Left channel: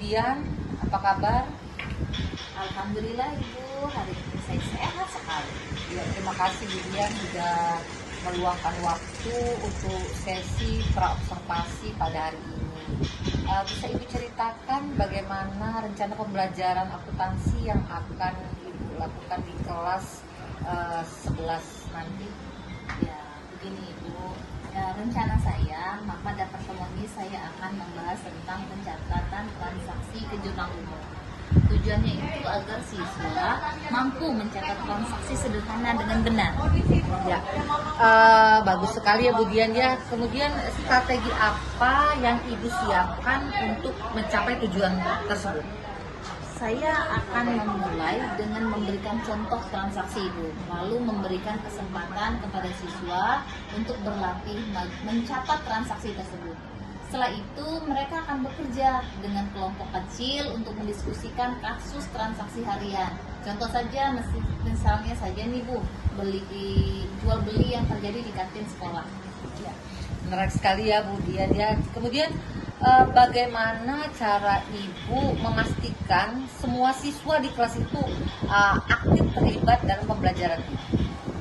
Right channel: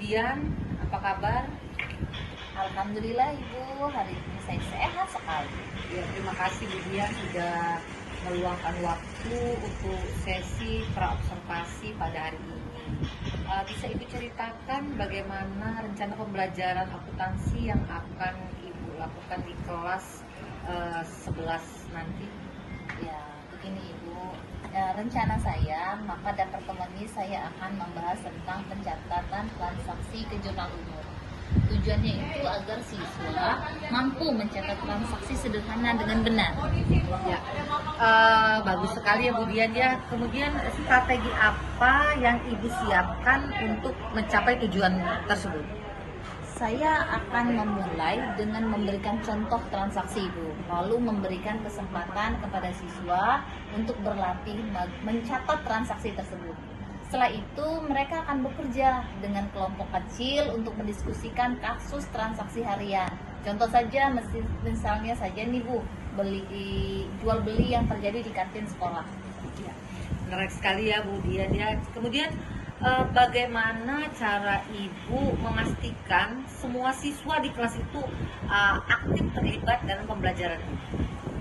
Dian, apa kabar? Alhamdulillah Ibu, hari ini saya sehat sekali. Ya, terima kasih Bu Dian sudah meluangkan waktu untuk sesi praobservasi pada hari ini. Bisa Ibu ceritakan bagaimana rencana pembelajaran akuntansi yang akan Ibu lakukan di kelas 11 nanti? Ya, begini Ibu, rencana saya pada pertemuan ini saya akan membahas tentang pencatatan transaksi ke jurnal umum. Tujuannya itu agar siswa mampu mencatat transaksi sederhana dengan benar. Ya, bagus sekali ya Bu Dian ya. Kemudian strategi apa yang Ibu siapkan untuk mencapai tujuan tersebut? Saya akan memulai dengan memberikan contoh transaksi Ibu, lalu memberikan kesempatan kepada siswa untuk berlatih mencatat transaksi tersebut. Setelah itu mereka akan bekerja dengan kelompok kecil untuk mendiskusikan kasus transaksi harian. Contoh saja misalnya saja nih Bu, jual beli yang terjadi di kantin sekolah. Ya, menarik sekali ya Bu Dian ya. Kemudian bagaimana cara Ibu memastikan semua siswa di kelas itu aktif terlibat dalam pembelajaran?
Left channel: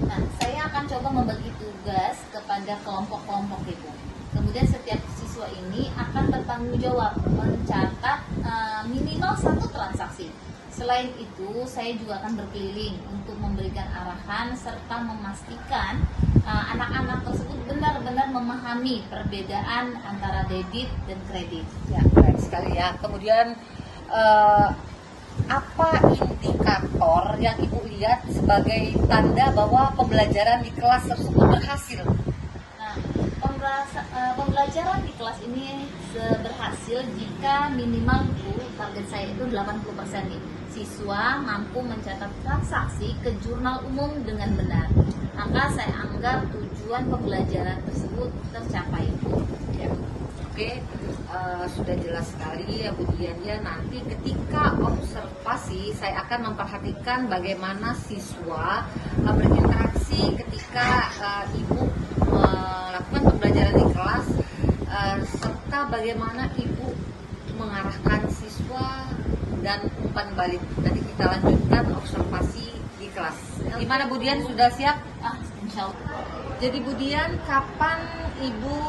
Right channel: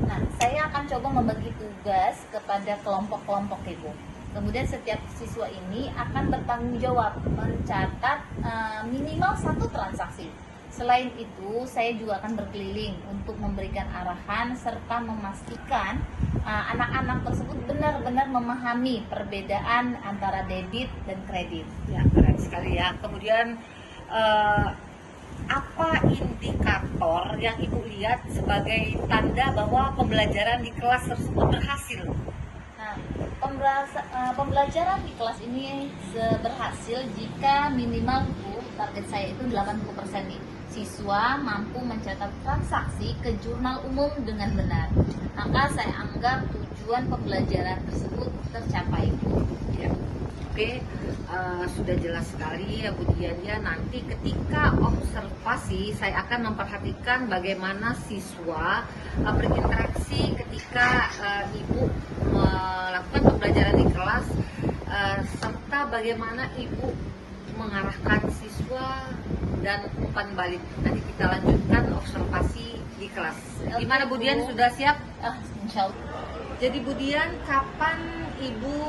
Nah, saya akan coba membagi tugas kepada kelompok-kelompok Ibu. Kemudian setiap siswa ini akan bertanggung jawab mencatat minimal 1 transaksi. Selain itu, saya juga akan berkeliling untuk memberikan arahan serta memastikan anak-anak tersebut benar-benar memahami perbedaan antara debit dan kredit. Ya, benar sekali ya. Kemudian apa indikator yang Ibu lihat sebagai tanda bahwa pembelajaran di kelas tersebut berhasil? Nah, pembelajaran di kelas ini berhasil jika minimal target saya itu 80% nih. Siswa mampu mencatat transaksi ke jurnal umum dengan benar. Maka saya anggap tujuan pembelajaran tersebut tercapai. Ya. Oke, sudah jelas sekali ya Bu Dian ya. Nanti ketika observasi saya akan memperhatikan bagaimana siswa berinteraksi ketika Ibu melakukan pembelajaran di kelas, serta bagaimana Ibu mengarahkan siswa dan umpan balik. Nanti kita lanjutkan observasi di kelas. Gimana Bu Dian, sudah siap? Insya Allah. Jadi Bu Dian, kapan Ibu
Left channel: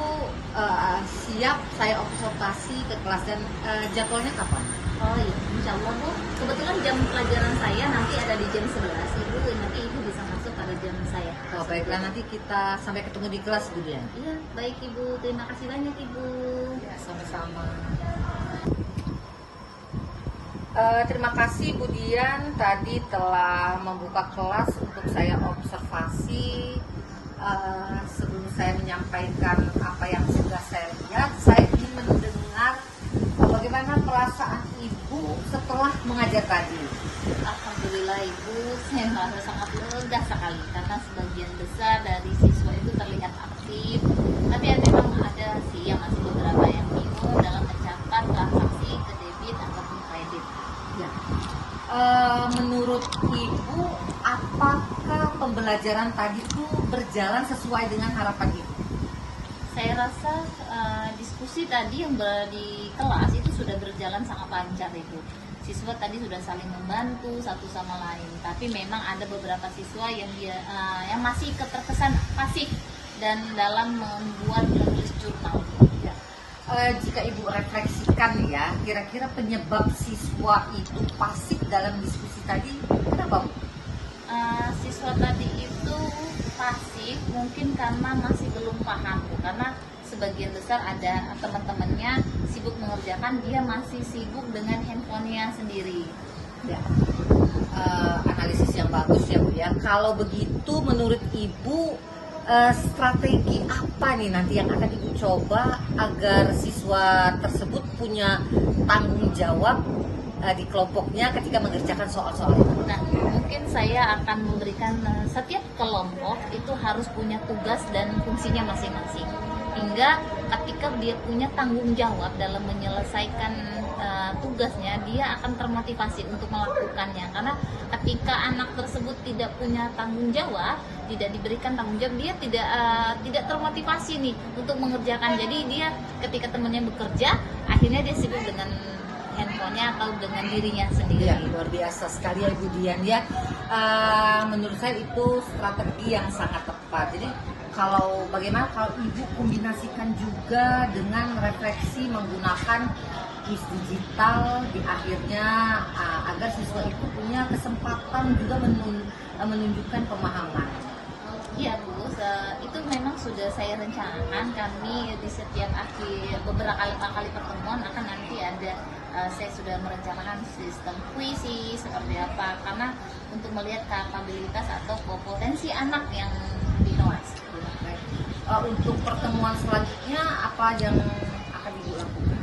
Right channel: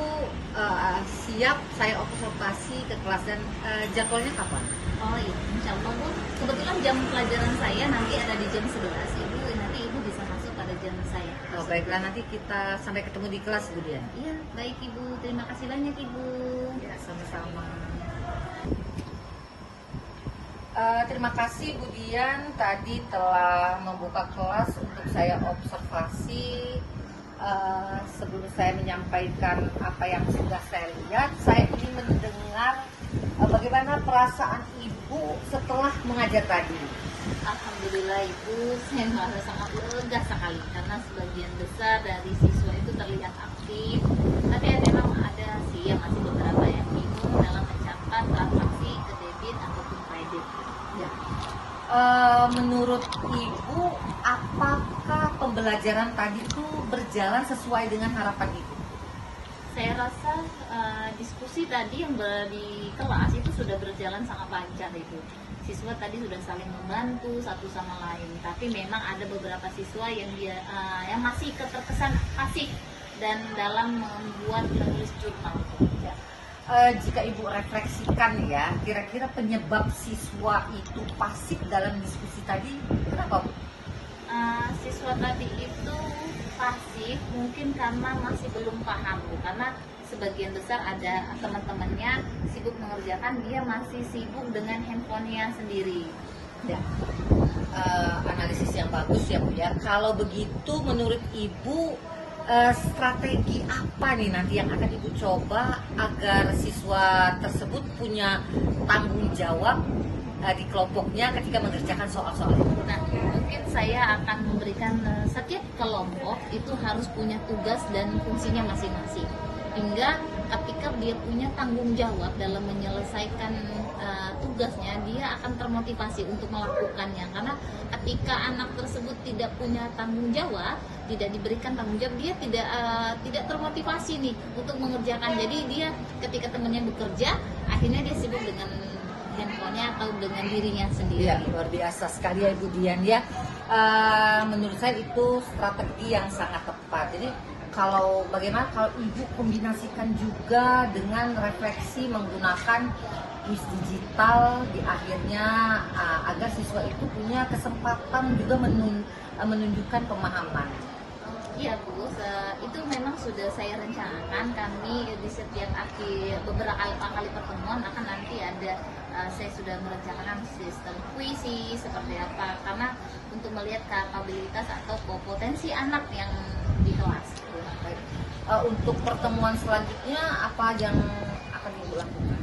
siap saya observasi ke kelas dan jadwalnya kapan? Oh iya, insya Allah Bu. Kebetulan jam pelajaran saya nanti ada di jam 11 Ibu, nanti Ibu bisa masuk pada jam saya. Oh baiklah, nanti kita sampai ketemu di kelas Bu Dian. Iya, baik Ibu. Terima kasih banyak Ibu. Ya, sama-sama. Terima kasih Bu Dian tadi telah membuka kelas untuk saya observasi. Sebelum saya menyampaikan apa yang sudah saya lihat, saya ingin mendengar bagaimana perasaan Ibu setelah mengajar tadi. Alhamdulillah Ibu, saya merasa sangat lega sekali karena sebagian besar dari siswa itu terlihat aktif. Tapi memang ada sih yang masih beberapa yang bingung dalam mencatat transaksi ke debit ataupun kredit. Ya. Menurut Ibu, apakah pembelajaran tadi itu berjalan sesuai dengan harapan Ibu? Saya rasa diskusi tadi yang di kelas itu sudah berjalan sangat lancar Ibu. Siswa tadi sudah saling membantu satu sama lain. Tapi memang ada beberapa siswa yang masih terkesan pasif dan dalam membuat menulis jurnal. Ya. Jika Ibu refleksikan ya, kira-kira penyebab siswa itu pasif dalam diskusi tadi kenapa Bu? Siswa tadi itu pasif mungkin karena masih belum paham Bu. Karena sebagian besar ada teman-temannya sibuk mengerjakan, dia masih sibuk dengan handphonenya sendiri. Ya. Analisis yang bagus ya Bu ya. Kalau begitu menurut Ibu strategi apa nih nanti yang akan Ibu coba agar siswa tersebut punya tanggung jawab di kelompoknya ketika mengerjakan soal-soal itu? Nah, mungkin saya akan memberikan setiap kelompok itu harus punya tugas dan fungsinya masing-masing. Hingga ketika dia punya tanggung jawab dalam menyelesaikan tugasnya, dia akan termotivasi untuk melakukannya. Karena ketika anak tersebut tidak punya tanggung jawab, tidak diberikan tanggung jawab, dia tidak termotivasi nih untuk mengerjakan. Jadi dia ketika temannya bekerja, akhirnya dia sibuk dengan handphonenya atau dengan dirinya sendiri. Ya, luar biasa sekali ya Ibu Dian ya. Menurut saya itu strategi yang sangat tepat. Jadi bagaimana kalau Ibu kombinasikan juga dengan refleksi menggunakan kuis digital di akhirnya, agar siswa itu punya kesempatan juga menunjukkan pemahaman. Iya Bu, itu memang sudah saya rencanakan. Kami di setiap beberapa kali pertemuan akan nanti ada, saya sudah merencanakan sistem kuisi seperti apa, karena untuk melihat kapabilitas atau potensi anak yang di kelas. Baik. Untuk pertemuan selanjutnya apa yang akan Ibu lakukan?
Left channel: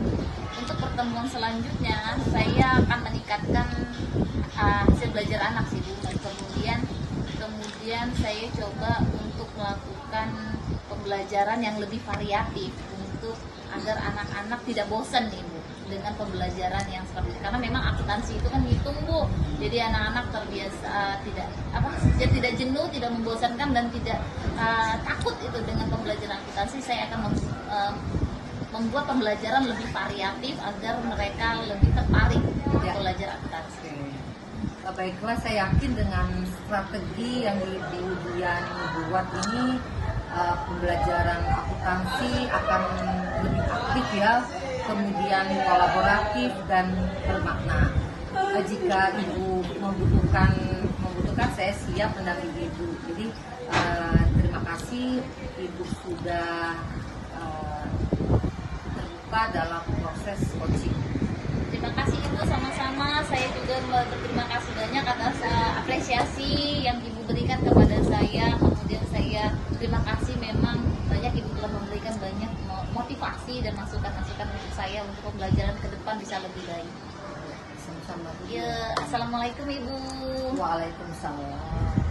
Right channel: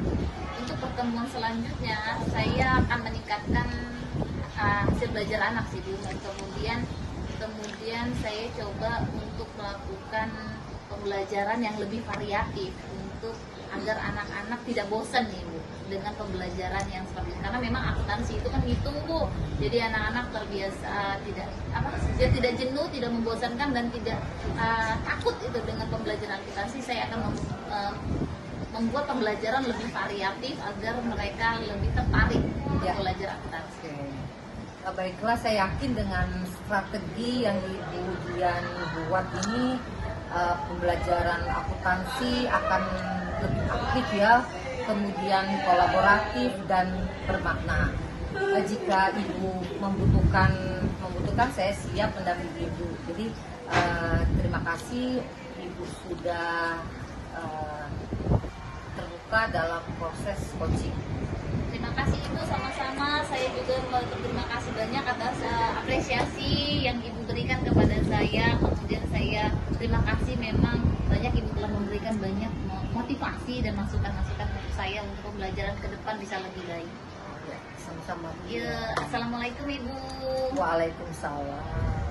Untuk pertemuan selanjutnya saya akan meningkatkan hasil belajar anak sih Bu. Kemudian saya coba untuk melakukan pembelajaran yang lebih variatif untuk agar anak-anak tidak bosan nih Bu dengan pembelajaran yang seperti ini, karena memang akuntansi itu kan hitung Bu, jadi anak-anak terbiasa tidak jenuh, tidak membosankan dan tidak takut itu dengan pembelajaran akuntansi. Saya akan membuat pembelajaran lebih variatif agar mereka lebih tertarik untuk belajar akuntansi. Baiklah, saya yakin dengan strategi yang Ibu Dian buat ini, pembelajaran akuntansi akan lebih aktif ya, kemudian kolaboratif dan bermakna. Jika Ibu membutuhkan, saya siap mendampingi Ibu. Jadi terima kasih Ibu sudah terbuka dalam proses coaching. Terima kasih Ibu, sama-sama. Saya juga berterima kasih banyak atas apresiasi yang Ibu berikan kepada saya. Kemudian saya terima kasih, memang banyak Ibu telah memberikan banyak motivasi dan masukan-masukan untuk saya untuk pembelajaran ke depan bisa lebih baik. Sama-sama. Ya, assalamualaikum Ibu. Waalaikumsalam.